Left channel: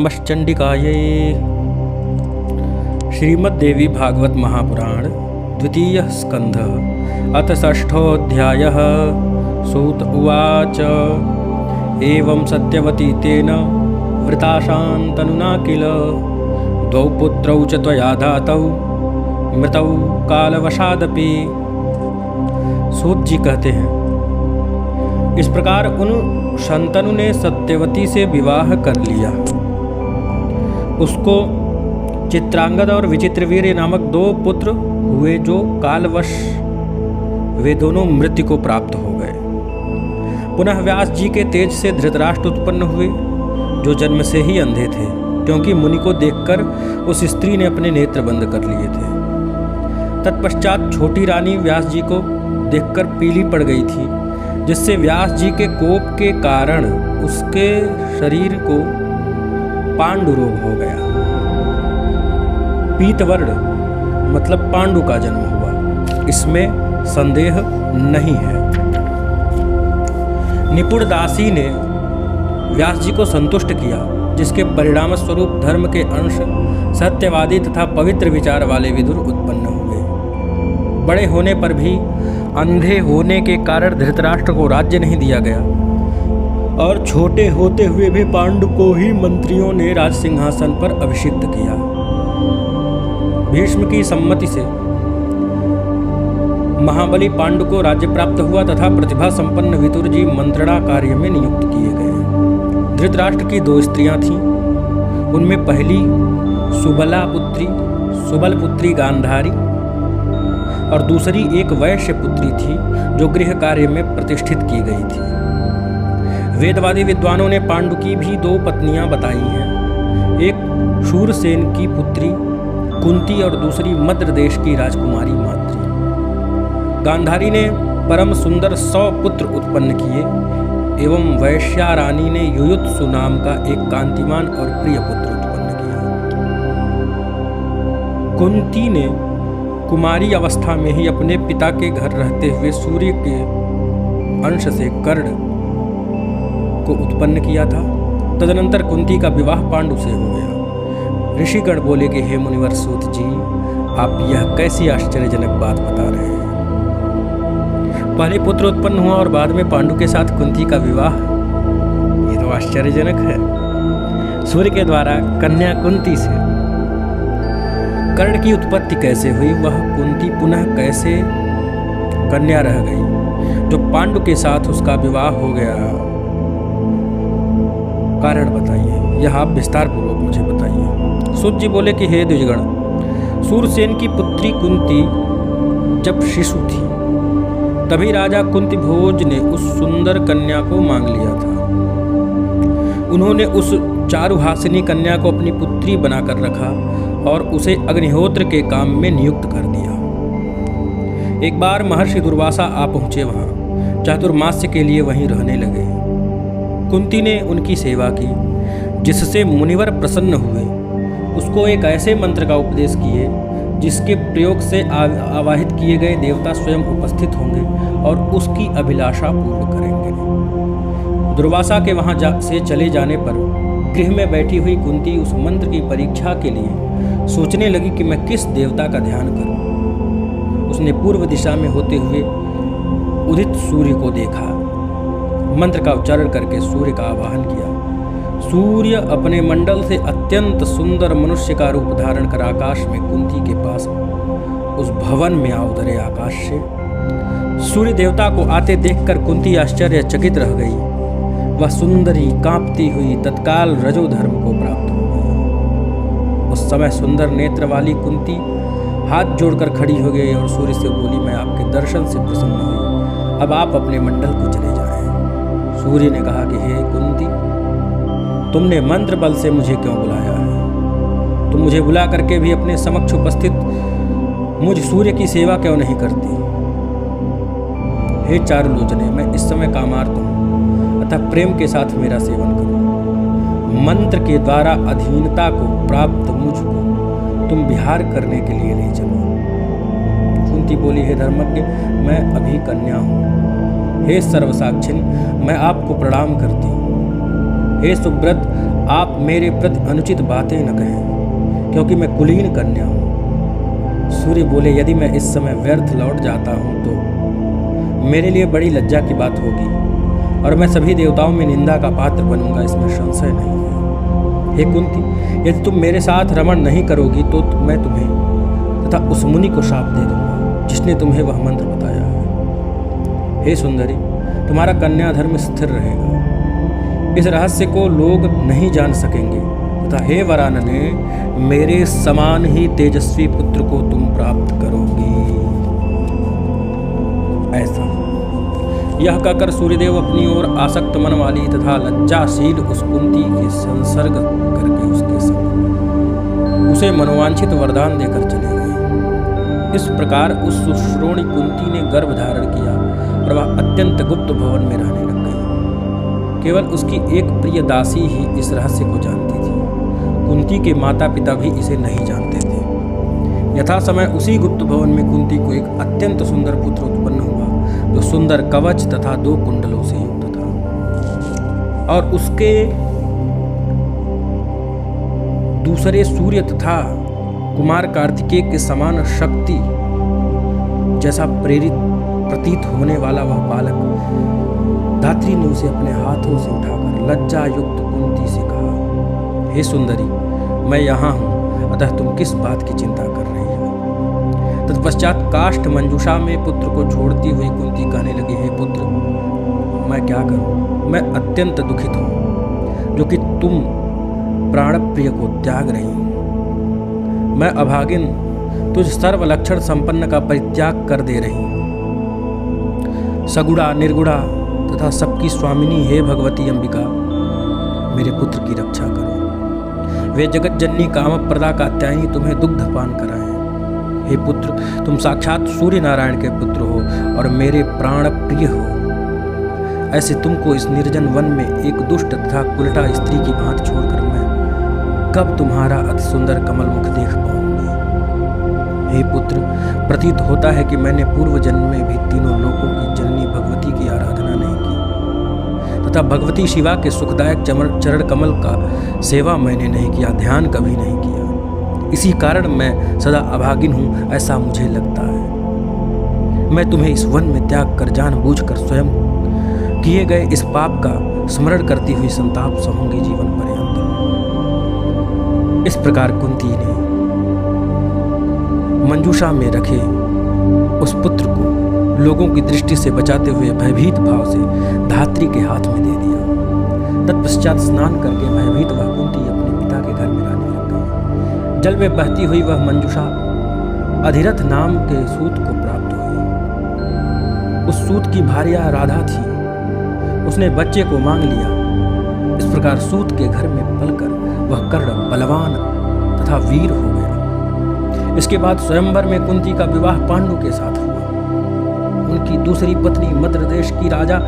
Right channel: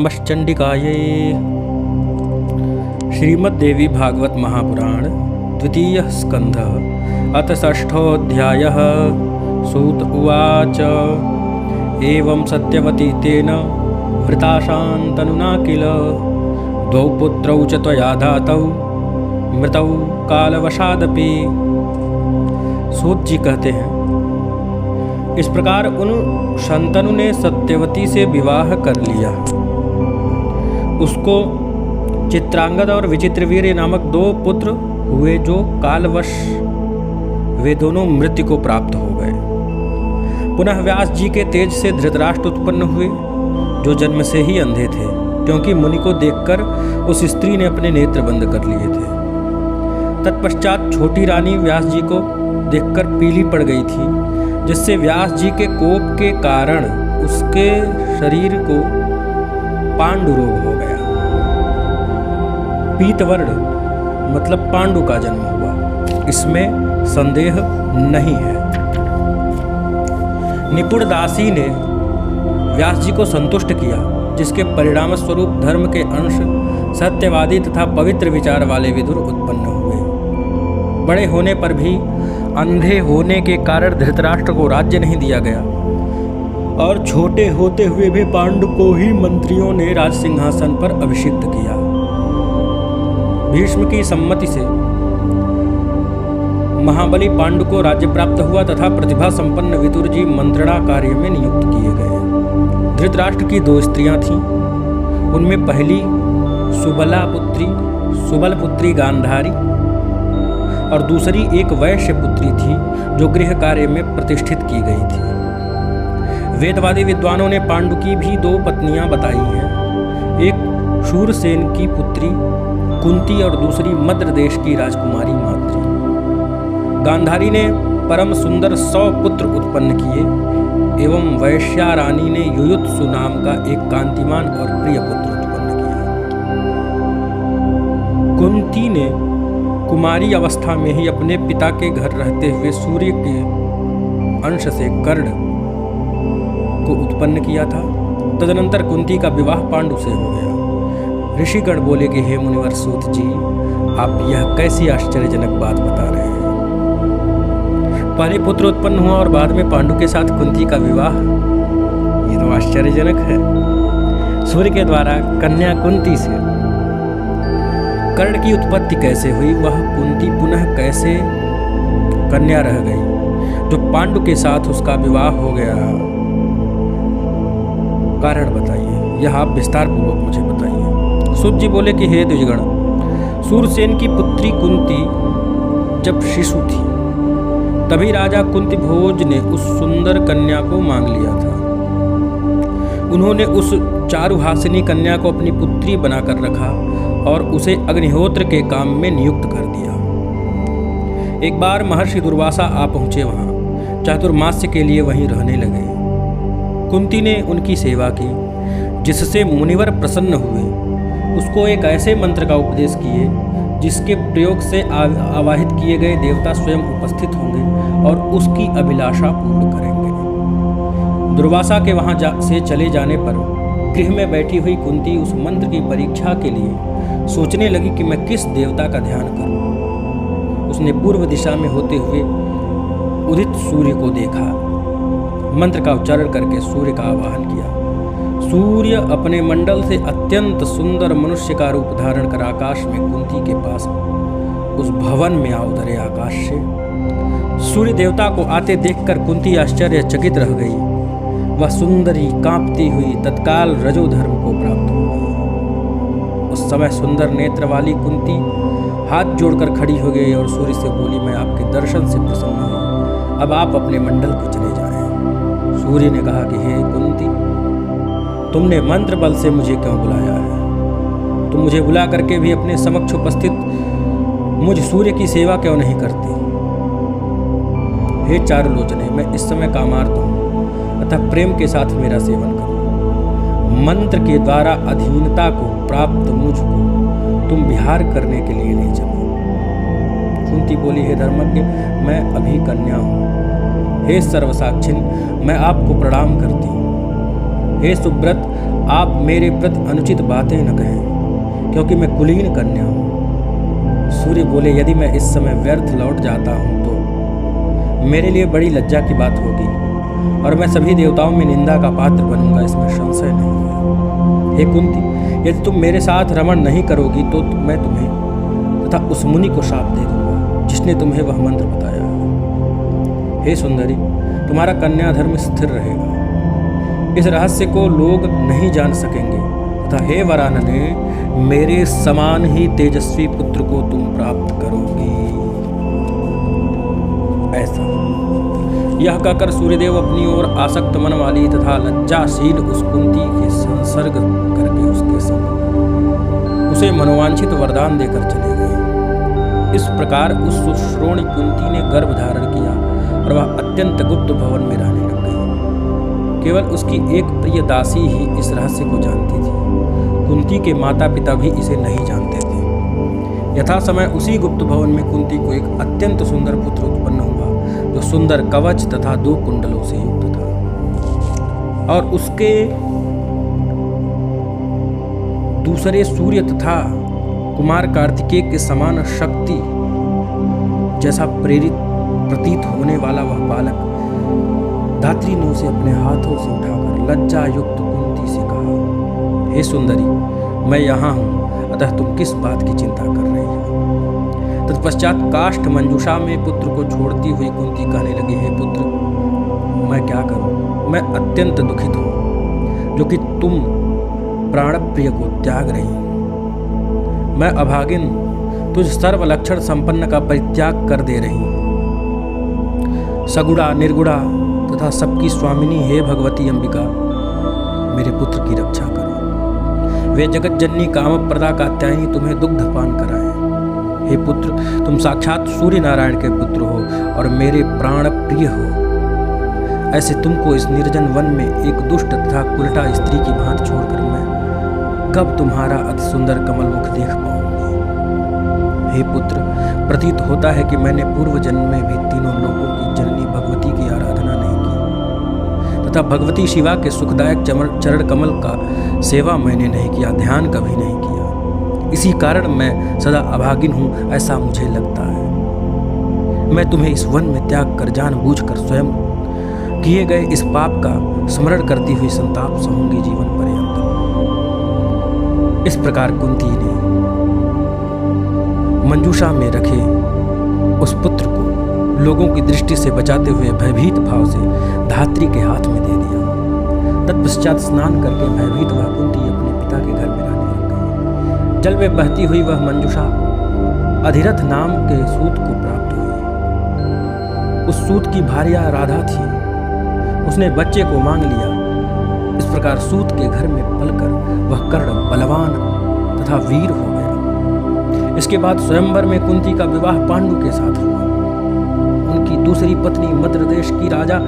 नमश्चंडिकायै। श्रीमद्देवी भागवत महापुराण द्वितीय स्कंध अथ षष्ठोऽध्यायः। सूत उवाच एवं सत्यवती तेन वृताशान्तनुना किल द्वौ पुत्रौ च त्वया धातौ मृतौ कालवशादपि। सूत जी कहते हैं, इस प्रकार उन शंतनु ने सत्यवती से विवाह कर लिया। उसको चित्रांगद और विचित्रवीर्य नामक दो पुत्र हुए जो कालवश वे दोनों मृत्यु को प्राप्त हो गए। पुनः व्यास जी के तेज से धृतराष्ट्र उत्पन्न हुए जो जन्म से ही अंधे थे, क्योंकि मुनि को देखकर उस स्त्री ने अपने नेत्र बंद कर लिए थे। तत्पश्चात छोटी रानी व्यास जी को देखकर पीली पड़ गई थी, जिससे व्यास जी के कोप के कारण उसके शरीर को पांडु रोग हो गया। पीतवर्ण मतलब पांडु का जन्म हुआ, इसमें संदेह नहीं है। निपुण दासी ने व्यास जी को संतुष्ट किया, जिसके परिणाम स्वरूप धर्म के अंश सत्यवादी तथा पवित्र विचार वाले विदुर उत्पन्न हुए। बड़े होने पर भी अंधे होने के कारण धृतराष्ट्र को राज्य नहीं दिया गया, और छोटे होते हुए भी पांडु को ही मंत्रियों ने राज सिंहासन पर अभिषिक्त किया। भीष्म की सम्मति से महाबली पांडु को राज्य प्राप्त हुआ तथा प्रतिभा संपन्न विदुर जी मंत्रणा कार्य में नियुक्त किए गए। धृतराष्ट्र की दो स्त्रियां थीं। उनमें पहली सुबल पुत्री गांधारी और दूसरी एक वैश्य पुत्री थी जो गृह कार्य में प्रतिष्ठित की गई थी। वेदवादी विद्वानों ने पांडु की भी दो पत्नियां बताई हैं, एक शूरसेन की पुत्री कुंती और दूसरी मद्र देश की राजकुमारी माद्री। गांधारी ने परम सुंदर 100 पुत्र उत्पन्न किए एवं वैश्या रानी ने युयुत्सु नाम का एक कांतिमान और प्रिय पुत्र उत्पन्न किया। कुंती ने कुमारी अवस्था में ही अपने पिता के घर रहते हुए सूर्य के अंश से कर्ण को उत्पन्न किया था। तदनंतर कुंती का विवाह पांडु से हो गया। ऋषिगण बोले कि हे मुनिवर सूत जी, आप यह कैसी आश्चर्यजनक बात बता रहे हैं। पहले पुत्र उत्पन्न हुआ और बाद में पांडु के साथ कुंती का विवाह, ये तो आश्चर्यजनक है। सूर्य के द्वारा कन्या कुंती से कर्ण की उत्पत्ति कैसे हुई, वह कुंती पुनः कैसे कन्या रह गई जो पांडु के साथ उसका विवाह हो गया, कारण बताइए, यह आप विस्तार पूर्वक मुझे बताइए। सूत जी बोले कि हे द्विजगण, शूरसेन की पुत्री कुंती जब शिशु थी तभी राजा कुंती भोज ने उस सुंदर कन्या को मांग लिया था। उन्होंने उस चारुहासिनी कन्या को अपनी पुत्री बनाकर रखा और उसे अग्निहोत्र के काम में नियुक्त कर दिया। एक बार महर्षि दुर्वासा आ पहुँचे वहाँ, चातुर्मास्य के लिए वहीं रहने लगे। कुंती ने उनकी सेवा की, जिससे मुनिवर प्रसन्न हुए। उसको एक ऐसे मंत्र का उपदेश किए जिसके प्रयोग से आवाहित किए गए देवता स्वयं उपस्थित होंगे और उसकी अभिलाषा पूर्ण करेंगे। दुर्वासा के वहाँ से चले जाने पर गृह में बैठी हुई कुंती उस मंत्र की परीक्षा के लिए सोचने लगी कि मैं किस देवता का ध्यान करूं। उसने पूर्व दिशा में होते हुए उदित सूर्य को देखा। मंत्र का उच्चारण करके सूर्य का आवाहन किया। सूर्य अपने मंडल से अत्यंत सुंदर मनुष्य का रूप धारण कर आकाश में कुंती के पास उस भवन में आ उतरे। आकाश से सूर्य देवता को आते देखकर कुंती आश्चर्यचकित रह गई। वह सुंदरी कांपती हुई तत्काल रजोधर्म को प्राप्त हो गई। उस समय सुंदर नेत्र वाली कुंती हाथ जोड़कर खड़ी हो गई और सूर्य से बोली, मैं आपके दर्शन से प्रसन्न हुई, अब आप अपने मंडल को चले जाएं। सूर्य ने कहा कि हे कुंती, तुमने मंत्र बल से मुझे क्यों बुलाया है? तुम मुझे बुला करके भी अपने समक्ष उपस्थित मुझ सूर्य की सेवा क्यों नहीं करती? हे चारुलोचने, मैं इस समय कामार्त हूँ, अतः प्रेम के साथ मेरा सेवन करो। मंत्र के द्वारा अधीनता को प्राप्त मुझको तुम विहार करने के लिए ले चलो। कुंती बोली, हे धर्मज्ञ, मैं अभी कन्या हूँ। हे सर्वसाक्षिन, मैं आपको प्रणाम करती हूँ। हे सुब्रत, आप मेरे प्रति अनुचित बातें न कहें, क्योंकि मैं कुलीन कन्या हूँ। सूर्य बोले, यदि मैं इस समय व्यर्थ लौट जाता हूँ तो मेरे लिए बड़ी लज्जा की बात होगी और मैं सभी देवताओं में निंदा का पात्र बनूंगा, इसमें संशय नहीं है। हे कुंती, यदि तुम मेरे साथ रमण नहीं करोगी तो मैं तुम्हें तथा उस मुनि को शाप दे दूंगा जिसने तुम्हें वह मंत्र बताया है। हे सुंदरी, तुम्हारा कन्या धर्म स्थिर रहेगा, इस रहस्य को लोग नहीं जान सकेंगे तथा हे वरानने, मेरे समान ही तेजस्वी पुत्र को तुम प्राप्त करोगी। ऐसा यह कहकर सूर्यदेव अपनी ओर आसक्त मन वाली तथा लज्जाशील उस कुंती के संसर्ग करके उसके संग उसे मनोवांछित वरदान देकर चले गए। इस प्रकार उस सुश्रोणी कुंती ने गर्भ धारण किया और वह अत्यंत गुप्त भवन में रहने लग गई। केवल उसकी एक प्रिय दासी ही इस रहस्य को जानती थी। कुंती के माता पिता भी इसे नहीं जानते थे। यथा समय उसी गुप्त भवन में कुंती को एक अत्यंत सुंदर पुत्र उत्पन्न हुआ, जो सुंदर कवच तथा 2 कुंडलों से युक्त था और उसके दूसरे सूर्य तथा कुमार कार्तिकेय के समान शक्ति जैसा प्रेरित प्रतीत होने वाला वह बालक। धात्री ने उसे अपने हाथों से उठाकर लज्जा युक्त कुंती से कहा, हे सुंदरी, मैं यहाँ हूँ, अतः तुम किस बात की चिंता कर रही हो। तत्पश्चात काष्ठ मंजूषा में पुत्र को छोड़ती हुई कुंती कहने लगी, हे पुत्र, मैं क्या करूं, मैं अत्यंत दुखित हूं जो कि तुम प्राण प्रिय को त्याग रही। मैं अभागिन तुझ सर्व लक्षण संपन्न का परित्याग कर दे रही। सगुड़ा निर्गुड़ा तथा सबकी स्वामिनी हे भगवती अंबिका, मेरे पुत्र की रक्षा करो। वे जगत जननी कामप्रदा कात्यायनी तुम्हें दुग्ध पान कराएं। हे पुत्र, तुम साक्षात सूर्य नारायण के पुत्र हो और मेरे प्राण प्रिय हो। ऐसे तुमको इस निर्जन वन में एक दुष्ट तथा कुलटा स्त्री की भांति छोड़कर मैं कब तुम्हारा अति सुंदर कमल मुख देख पाऊंगी। हे पुत्र, प्रतीत होता है कि मैंने पूर्व जन्म में भी तीनों लोकों की जननी भगवती की आराधना नहीं की तथा भगवती शिवा के सुखदायक चरण कमल का सेवा मैंने नहीं किया, ध्यान कभी नहीं किया। इसी कारण मैं सदा अभागिन हूँ, ऐसा मुझे लगता है। मैं तुम्हें इस वन में त्याग कर जानबूझकर स्वयं किए गए इस पाप का स्मरण करती हुई संताप सहूंगी जीवन पर्यंत। इस प्रकार कुंती ने मंजूषा में रखे उस पुत्र को लोगों की दृष्टि से बचाते हुए भयभीत भाव से धात्री के हाथ में दे दिया। तत्पश्चात स्नान करके भयभीत वह कुंती अपने पिता के घर में रहने लग गई। जल में बहती हुई वह मंजूषा अधिरथ नाम के सूत को प्राप्त हुई। उस सूत की भार्या राधा थी। उसने बच्चे को मांग लिया। इस प्रकार सूत के घर में पलकर वह कर्ण बलवान तथा वीर हो गया। इसके बाद स्वयंवर में कुंती का विवाह पांडु के साथ हुआ। उनकी दूसरी पत्नी मद्र देश की राजा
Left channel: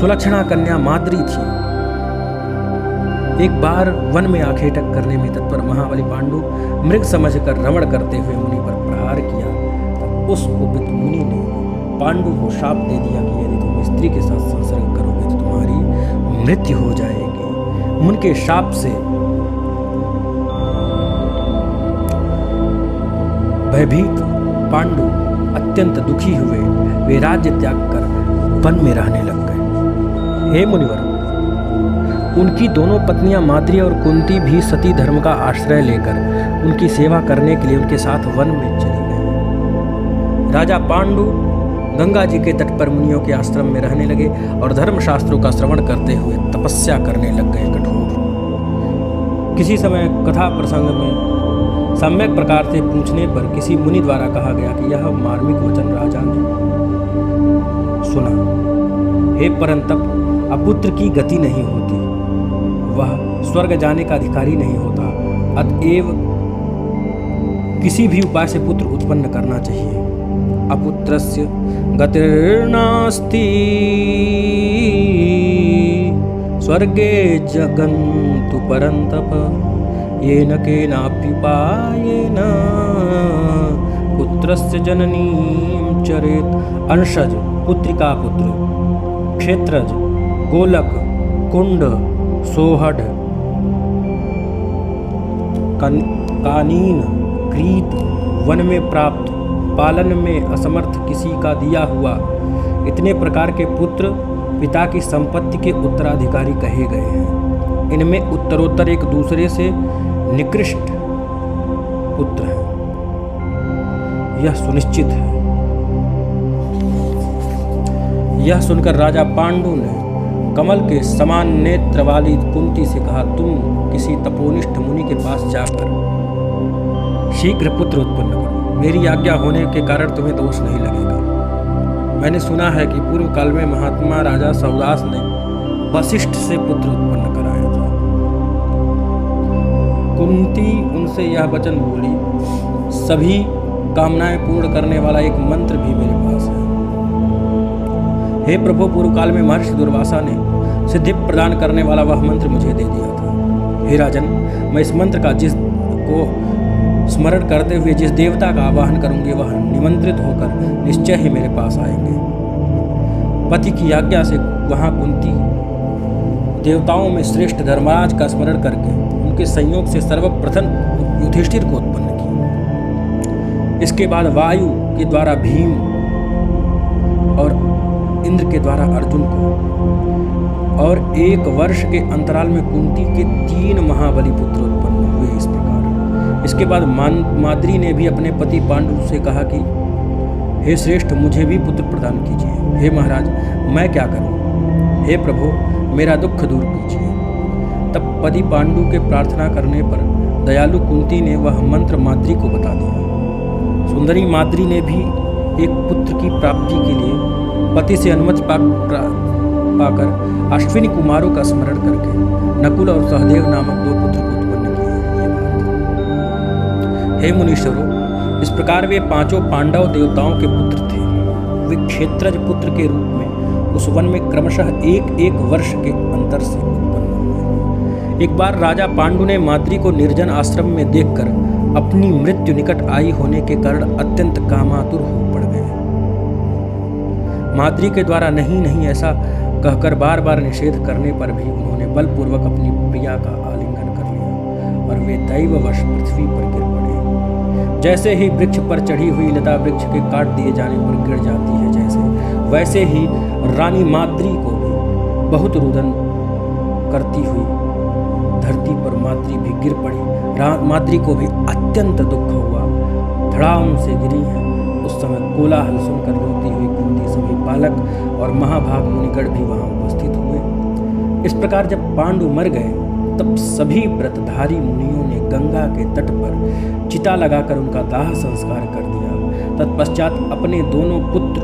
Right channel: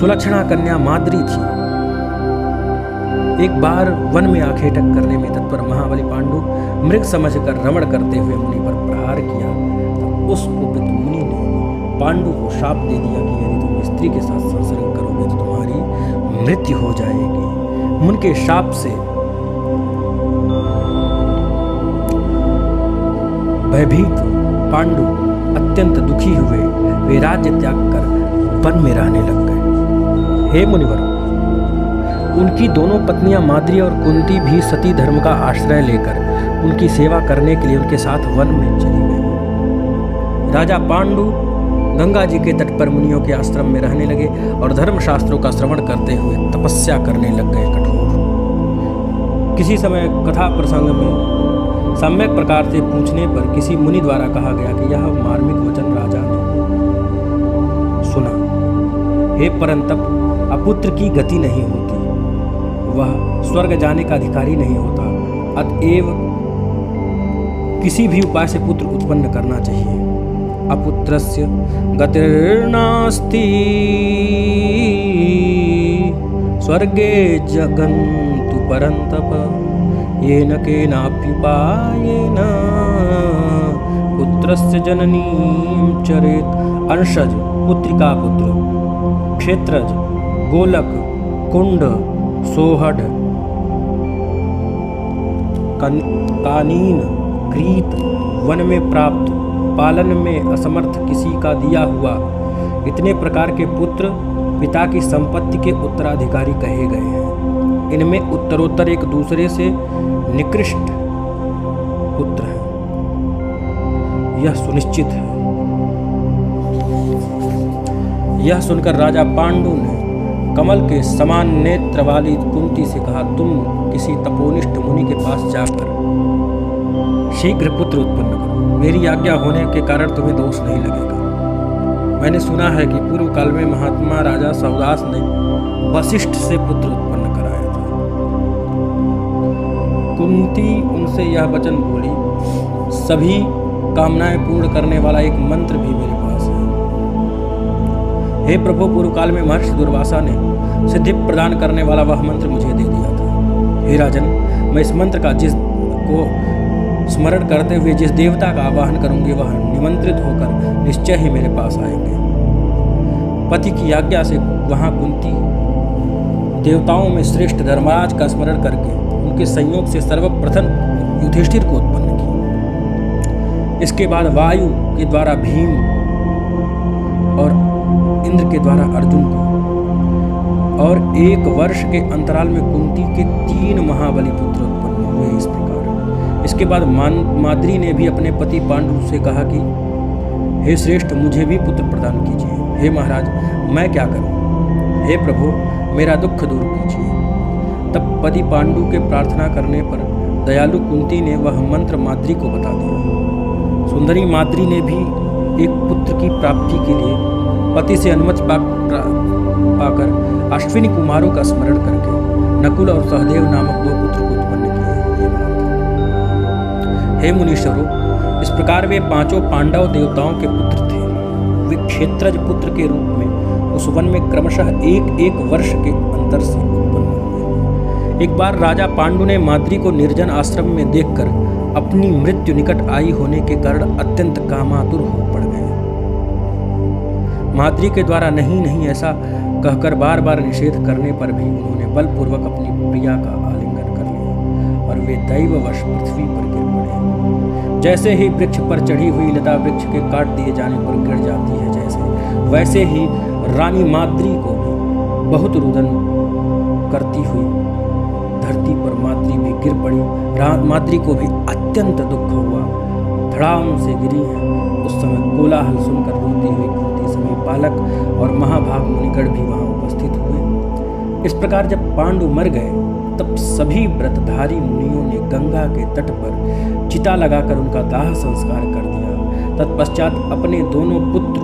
सुलक्षणा कन्या माद्री थी। एक बार वन में आखेटक करने में तत्पर महाबली पांडु मृग समझकर रमण करते हुए मुनि पर प्रहार किया। तब उस कुपित मुनि ने पांडु को शाप दे दिया कि यदि तुम स्त्री के साथ संसर्ग करोगे तो तुम्हारी मृत्यु हो जाएगी। मुनि के शाप से भयभीत पांडु अत्यंत दुखी हुए। वे राज्य त्याग कर वन में रहने लग गए। हे मुनिवर, उनकी दोनों पत्नियां माद्री और कुंती भी सती धर्म का आश्रय लेकर उनकी सेवा करने के लिए उनके साथ वन में चली गई। राजा पांडु गंगा जी के तट पर मुनियों के आश्रम में रहने लगे और धर्मशास्त्रों का श्रवण करते हुए तपस्या करने लग गए कठोर। किसी समय कथा प्रसंग में सम्यक प्रकार से पूछने पर किसी मुनि द्वारा कहा गया कि यह मार्मिक वचन राजा ने सुना। हे परंतप, अपुत्र की गति नहीं होती, वह स्वर्ग जाने का अधिकारी नहीं होता। अतएव किसी भी उपाय से पुत्र उत्पन्न करना चाहिए। अपुत्रस्य गतिर्नास्ति स्वर्गे जगन्तु परंतप येन केनाप्युपायेन पुत्रस्य जननीं चरेत। अंशज पुत्रिका पुत्र, क्षेत्रज, गोलक, कुंड, सोहड, कानीन, क्रीत, वन में प्राप्त, पालन में असमर्थ किसी का दिया हुआ, इतने प्रकार के पुत्र पिता की संपत्ति के उत्तराधिकारी कहे गए हैं। इनमें उत्तरोत्तर एक दूसरे से निकृष्ट पुत्र हैं, यह सुनिश्चित है। यह सुनकर राजा पांडु ने कमल के समान नेत्र वाली कुंती से कहा, तुम किसी तपोनिष्ठ मुनि के पास जाकर शीघ्र पुत्र उत्पन्न करो। मेरी आज्ञा होने के कारण तुम्हें दोष नहीं लगेगा। मैंने सुना है कि पूर्व काल में महात्मा राजा सौदास ने वशिष्ठ से पुत्र उत्पन्न कराया था। कुंती उनसे यह वचन बोली, सभी कामनाएं पूर्ण करने वाला एक मंत्र भी मेरे पास है। हे प्रभु, पूर्व काल में महर्षि दुर्वासा ने सिद्धि प्रदान करने वाला वह मंत्र मुझे दे दिया था। हे राजन, मैं इस मंत्र का जिसको स्मरण करते हुए जिस देवता का आवाहन करूंगी वह निमंत्रित होकर निश्चय ही मेरे पास आएंगे। पति की आज्ञा से वहां कुंती देवताओं में श्रेष्ठ धर्मराज का स्मरण करके उनके संयोग से सर्वप्रथम युधिष्ठिर को उत्पन्न की। इसके बाद वायु के द्वारा भीम और इंद्र के द्वारा अर्जुन को, और 1 वर्ष के अंतराल में कुंती के 3 महाबली पुत्र उत्पन्न हुए। इस प्रकार इसके बाद माद्री ने भी अपने पति पांडु से कहा कि हे श्रेष्ठ, मुझे भी पुत्र प्रदान कीजिए। हे महाराज, मैं क्या करूं? हे प्रभु, मेरा दुख दूर कीजिए। तब पति पांडु के प्रार्थना करने पर दयालु कुंती ने वह मंत्र माद्री को बता दिया। सुंदरी माद्री ने भी एक पुत्र की प्राप्ति के लिए पति से अनुमति पाकर अश्विनी कुमारों का स्मरण करके नकुल और सहदेव नामक 2 पुत्र को उत्पन्न किए। ये बात, हे मुनीश्वरों, इस प्रकार वे 5 पांडव देवताओं के पुत्र थे। वे क्षेत्रज पुत्र के रूप में उस वन में क्रमशः 1-1 वर्ष के अंतर से उत्पन्न हुए। एक बार राजा पांडु ने माद्री को निर्जन आश्रम में देखकर अपनी मृत्यु निकट आई होने के कारण अत्यंत कामातुर हो पड़ गए। माद्री के द्वारा नहीं ऐसा कहकर बार बार निषेध करने पर भी उन्होंने बलपूर्वक अपनी प्रिया का आलिंगन कर लिया और वे दैववश पृथ्वी पर गिर पड़े। जैसे ही वृक्ष पर चढ़ी हुई लता वृक्ष के काट दिए जाने पर गिर जाती है, वैसे ही रानी माद्री को भी बहुत रुदन करती हुई धरती पर माद्री भी गिर पड़ी। माद्री को भी अत्यंत दुख हुआ, धड़ाम से गिरी हैं। उस समय कोलाहल सुनकर रोती हुई कुंती, सभी बालक और महाभाग मुनिगण भी वहां उपस्थित हुए। इस प्रकार जब पांडु मर गए तब सभी व्रतधारी मुनियों ने गंगा के तट पर चिता लगाकर उनका दाह संस्कार कर दिया। तत्पश्चात अपने दोनों पुत्र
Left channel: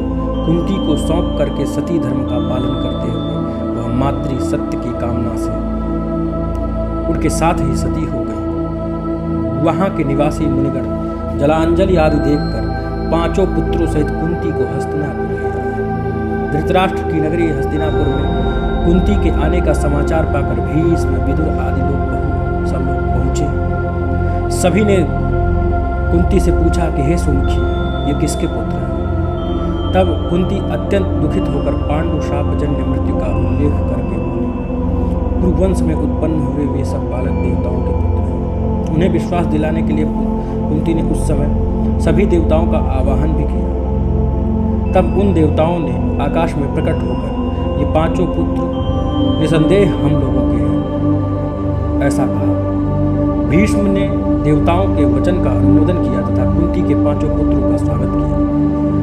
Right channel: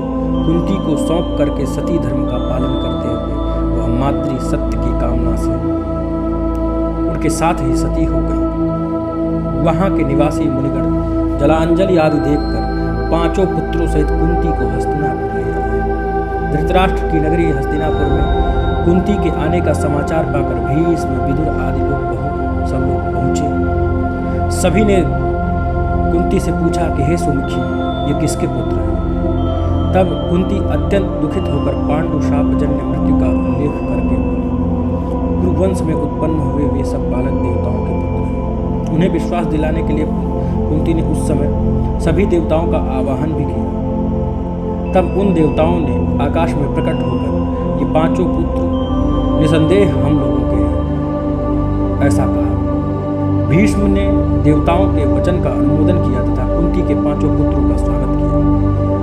कुंती को सौंप करके सती धर्म का पालन करते हुए वह माद्री सत्य की कामना से उनके साथ ही सती हो गई। वहां के निवासी मुनिगण जलांजलि आदि देखकर 5 पुत्रों सहित कुंती को हस्तिनापुर ले आए। धृतराष्ट्र की नगरी हस्तिनापुर में कुंती के आने का समाचार पाकर भीष्म, विदुर आदि सब लोग पहुंचे। सभी ने कुंती से पूछा कि हे सुमुखी, ये किसके पुत्र हैं? तब कुंती अत्यंत दुखित होकर पांडु शापजन्य मृत्यु का उल्लेख करके बोली, कुरुवंश में उत्पन्न हुए वे सब बालक देवताओं के पुत्र हैं। उन्हें विश्वास दिलाने के लिए कुंती ने उस समय सभी देवताओं का आवाहन भी किया। तब उन देवताओं ने आकाश में प्रकट होकर ये 5 पुत्र निसंदेह हम लोगों के हैं, ऐसा कहा। भीष्म ने देवताओं के वचन का अनुमोदन किया तथा कुंती के 5 पुत्रों का स्वागत किया।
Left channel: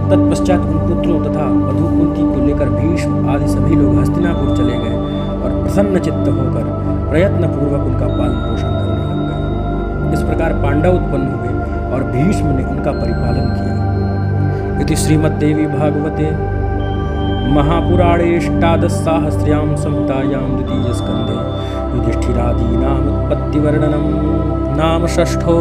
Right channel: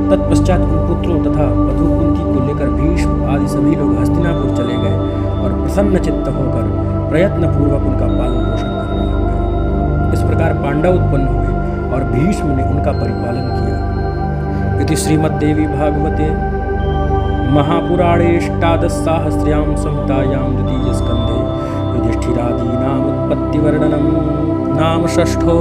तत्पश्चात उन पुत्रों तथा वधू कुंती को लेकर भीष्म आदि सभी लोग हस्तिनापुर चले गए और प्रसन्न चित्त होकर प्रयत्न पूर्वक उनका पालन पोषण करने लग गए। इस प्रकार पांडव उत्पन्न हुए और भीष्म ने उनका परिपालन किया। इति श्रीमद्देवी भागवते महापुराणेष्टादशसाहस्र्यां संहितायां द्वितीयस्कन्धे युधिष्ठिरादीनामुत्पत्तिवर्णनं नाम 6